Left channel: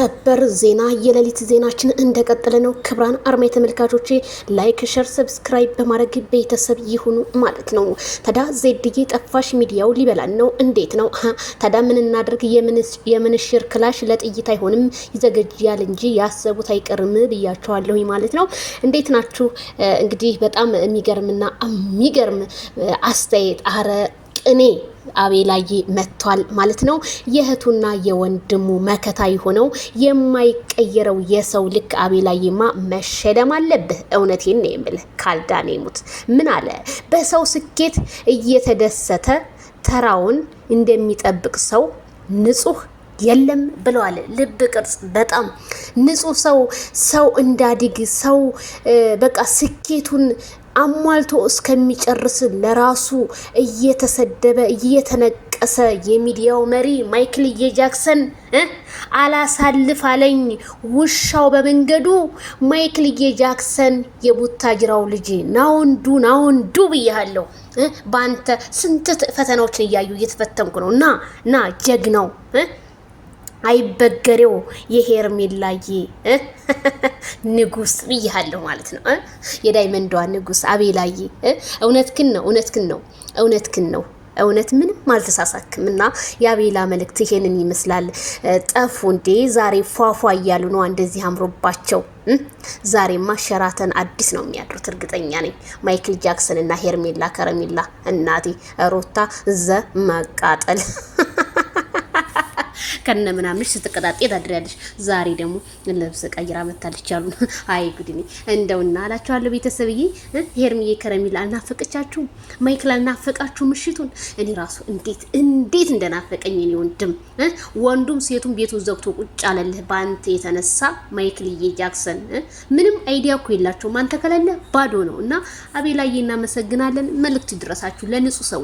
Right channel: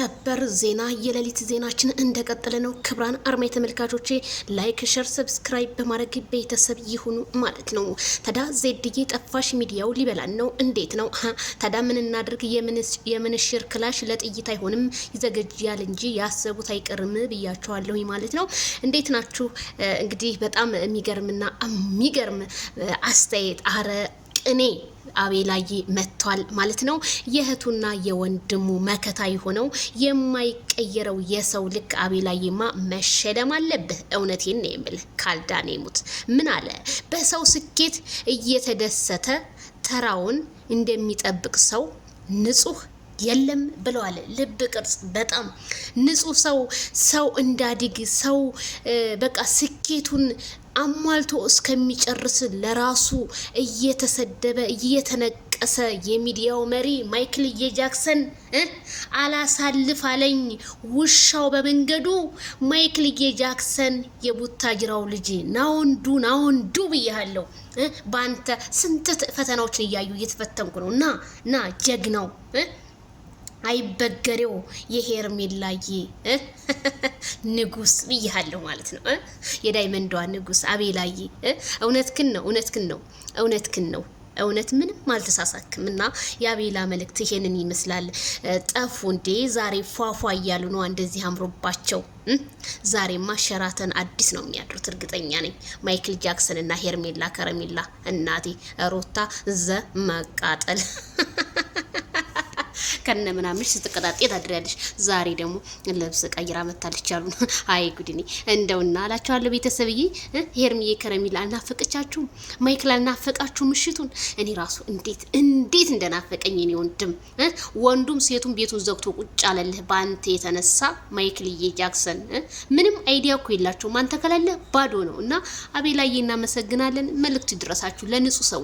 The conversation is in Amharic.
ሰበር ዜና የሌሊት ዜናችን እንደቀጠለ ነው። ክብራን አርማ ተመልካቾቼ ላይክ፣ ሼር፣ ሰብስክራይብ በማድረግ ቤተሰብ ይሁኑ ማለት ነው። ታዳ ዜድዬ ጠፋሽ፣ ሚዲያው ሊበላን ነው። እንዴት ነው ታዳ? ምን እናድርግ? የምንሽር ክላሽ ለጥይት አይሆንም ይዘገጃል እንጂ ያሰቡት አይቀርም ብያቸዋለሁ ማለት ነው። እንዴት ናችሁ? እንግዲህ በጣም የሚገርምና የሚገርም አስተያየት አረ ቅኔ አቤላዬ መጥቷል ማለት ነው። የእህቱና የወንድሙ መከታ የሆነው የማይቀየረው የሰው ልክ አቤላዬማ መሸለም አለብህ። እውነቴን ነው የምልህ። ካልዳኔ ሙት ምን አለ? በሰው ስኬት እየተደሰተ ተራውን እንደሚጠብቅ ሰው ንጹህ የለም ብለዋል። ልብ ቅርጽ በጣም ንጹህ ሰው እንዳዲግ ሰው በቃ ስኬቱን አሟልቶ እስከሚጨርስ ለራሱ እየተሰደበ እየተነቀሰ የሚዲያው መሪ ማይክል ጃክሰን አላሳልፍ አለኝ ውሻው በመንገዱ። ማይክል ጃክሰን የቡታጅራው ልጅ ናውንዱ ብያለሁ። በአንተ ስንት ፈተናዎችን እያዩ እየተፈተንኩ ነው። ና ጀግናው አይበገሬው የሄርሜላዬ ንጉስ ብያለሁ ማለት ነው። የዳይመንዷ ንጉስ አቤላዬ እውነትክን ነው። እውነት ምንም አልተሳሳክም። እና የአቤላ መልእክት ይሄንን ይመስላል። ጠፉ እንዴ? ዛሬ ፏፏ እያሉ ነው እንደዚህ አምሮባቸው። ዛሬማ ሸራተን አዲስ ነው የሚያድሩት እርግጠኛ ነኝ። ማይክል ጃክሰን እና ሄርሜላ ከረሜላ እናቴ ሮታ መቃጠል ከነ ምናምንሽ ስትቀጣጤ ታድሪያለሽ። ዛሬ ደግሞ ልብስ ቀይራ መታለች ያሉ። አይ ጉዲኒ እንደውና አላችኋለሁ ቤተሰብዬ። ሄርሚዬ ከረሚላ አልናፈቀቻችሁ? ማይክል አልናፈቃችሁ? ምሽቱን እኔ ራሱ እንዴት እንደናፈቀኝ እኔ ወንዱም ሴቱም ቤቱን ዘግቶ ቁጭ አለልህ በአንተ የተነሳ። ማይክልዬ ጃክሰን ምንም አይዲያ እኮ የላቸውም። አንተ ከሌለ ባዶ ነው። እና አቤላዬ እናመሰግናለን። መልእክቱ ይድረሳችሁ ለንጹህ ሰው